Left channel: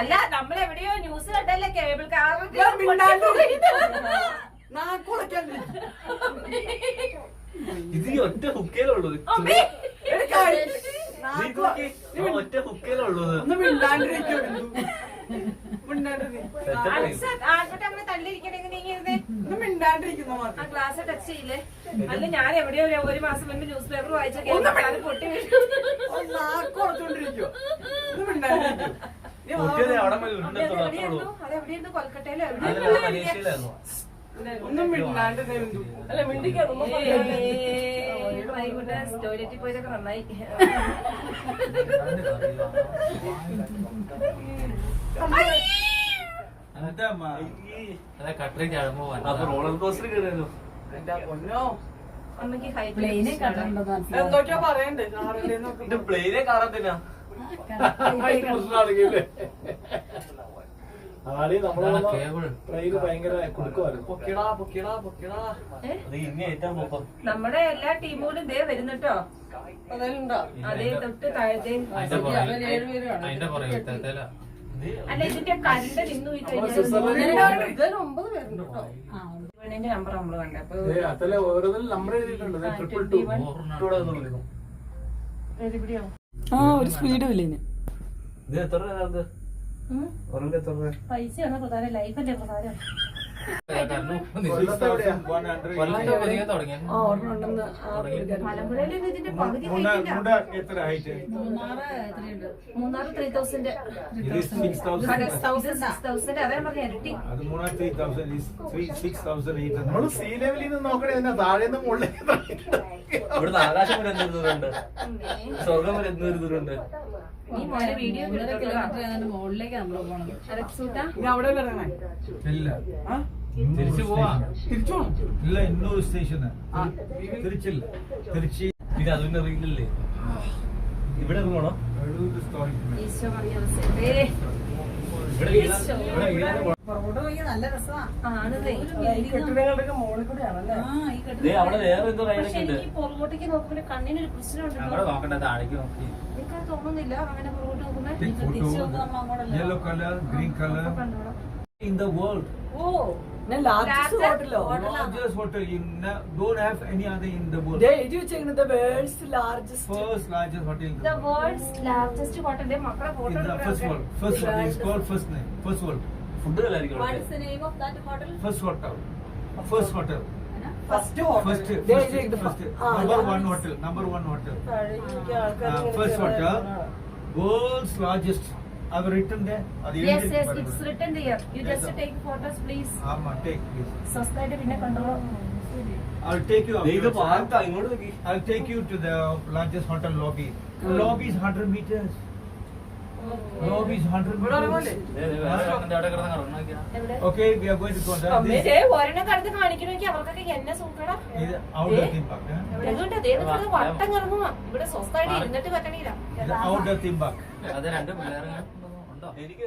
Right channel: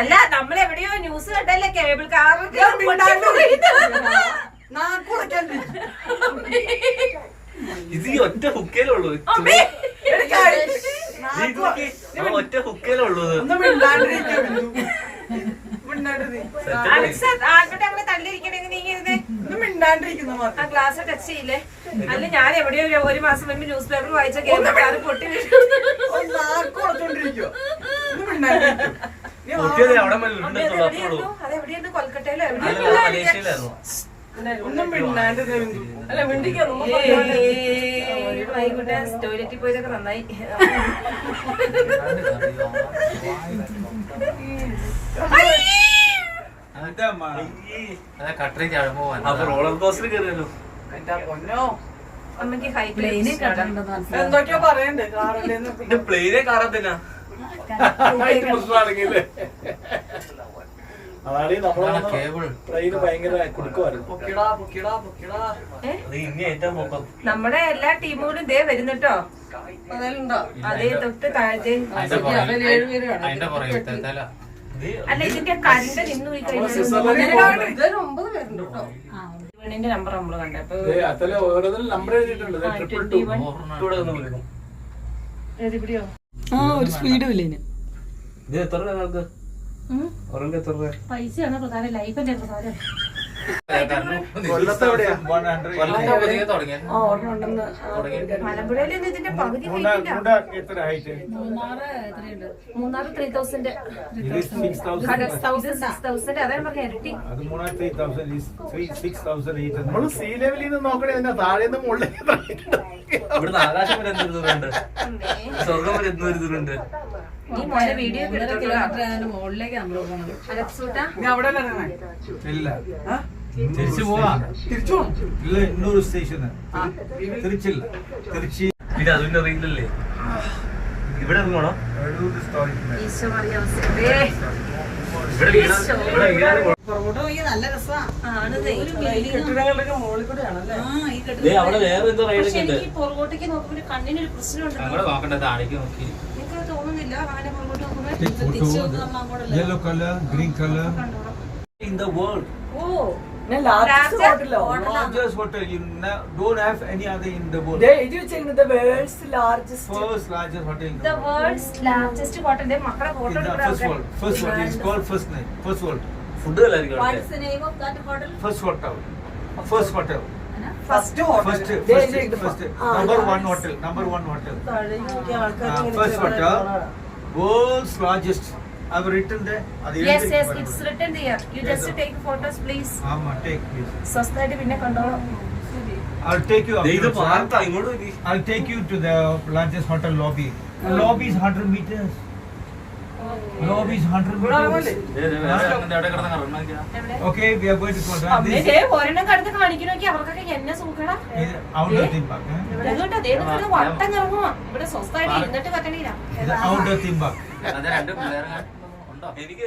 അല്ല നമ്മളെവിടെയോ ന്യൂസ് കണ്ടല്ലേ cable car ഇത് ഒറ്റ ഹുക്കേലുള്ളൂ, ഒറ്റ ഹുക്കേലുള്ളൂ. അങ്ങനെ തള്ളിയിരിക്കണെങ്ങനെ ഗ്ലാസ് ടച്ച് ചെയ്യില്ലേ? അല്ല ഞാൻ എവിടെയോ ഒരു മാസം മുൻപ് ന്യൂസ് പേപ്പർ വായിച്ച കേബിൾ കാർ പൊട്ടി അതെവിടെയാണ്? കൊൽക്കട്ടയിലോ എവിടെയാണ്? ടോയ്ലറ്റിൽ പോയതൊക്കെ നന്നായി. റോളർ കോസ്റ്റർ കയറിയല്ലോ. അമ്മക്ക് ഹൈ എന്തൊക്കെയോ പറയണ്ട്. പ്ലെയിനെ കാറത്തന്നെ നമ്മുടെ എല്ലാ ടീമുകളും ഇതേ വരുന്നുട്ടോ. അതേ തൊട്ട് താഴത്തെ അല്ല ഇതിന്റെ കരണ്ട് നിന്ന് പോയി കഴിഞ്ഞാൽ നമ്പർ നമ്മള് കണ്ടപ്പോ ഒരു സ്പീഡും ഇല്ല. പൈസയാണ് പ്രധാനം, ലൈഫല്ലേ പ്രധാനം. മലമ്പുഴയിൽ ഇതിന്റെ പകുതി മൂന്നാറ് 3000 അതാ പറഞ്ഞ ഇരട്ടി. ഇവിടുന്ന് ആകാശം വരെ എന്തൊരു ദൂരമുണ്ട്, സ്വർഗം വരെ എന്തൊരു ദൂരമുണ്ട്. ഈ മോനെ വീഡിയോ തിരിച്ചു പോവാ. ഇല്ല, ഇന്നൊരു സ്റ്റേഷന് തിരിച്ചില്ല. തിരുച്ചി പിന്നെ അതിന്റെ അറിയില്ലല്ലേ ഇവിടെ ഇറങ്ങണോ? നല്ല രസമാണ്. അവിടെ വേറെ എന്തോ റൈഡൊക്കെ ഉണ്ട്. പുറകോട്ടേക്ക് നോക്കുമ്പോ കണ്ണിനൊരു പ്രശ്നമുണ്ട്. എനിക്ക് തോന്നുന്നില്ല അങ്ങനെ പുറകോട്ട് നോക്കുമ്പോ yellow color, green color in the world. largest Largest hotel. You don't have any other in the world. the world's largest. First largest hotel in the world's largest hotel. മക്കളെ photo first world. First world is called first name. First world. Food എല്ലാവർക്കും What's the name of that hotel? First hotel. First hotel. First First number one hotel. Number one hotel. First hotel. World's largest. I've written there. Yes, it's written there. You just take photos, please. Take please. സ്വസ്ഥമായിട്ട് പിന്നെ കണ്ടോളൂ. I'll take you. ഇത് പാർത്താ ഇങ്ങോട്ട് നോക്കി. I'll take you to the largest hotel lobby. Lobby is 100 meters. Lobby is 100 meters. Okay, we are going to contact this. ഒരെണ്ണം കടന്ന് കാണിക്കണമെങ്കിൽ അവർക്കൊക്കെ എന്നെ സൂക്കടാ. Outdoor theme park. അതുകൊണ്ട് അദ്ദേഹം വട്ടം കറങ്ങുക. ഇവിടെ സ്വസ്ഥമായിട്ട് ഇരുന്നിട്ട് പറ്റണില്ല. Outdoor theme park. എനിക്ക്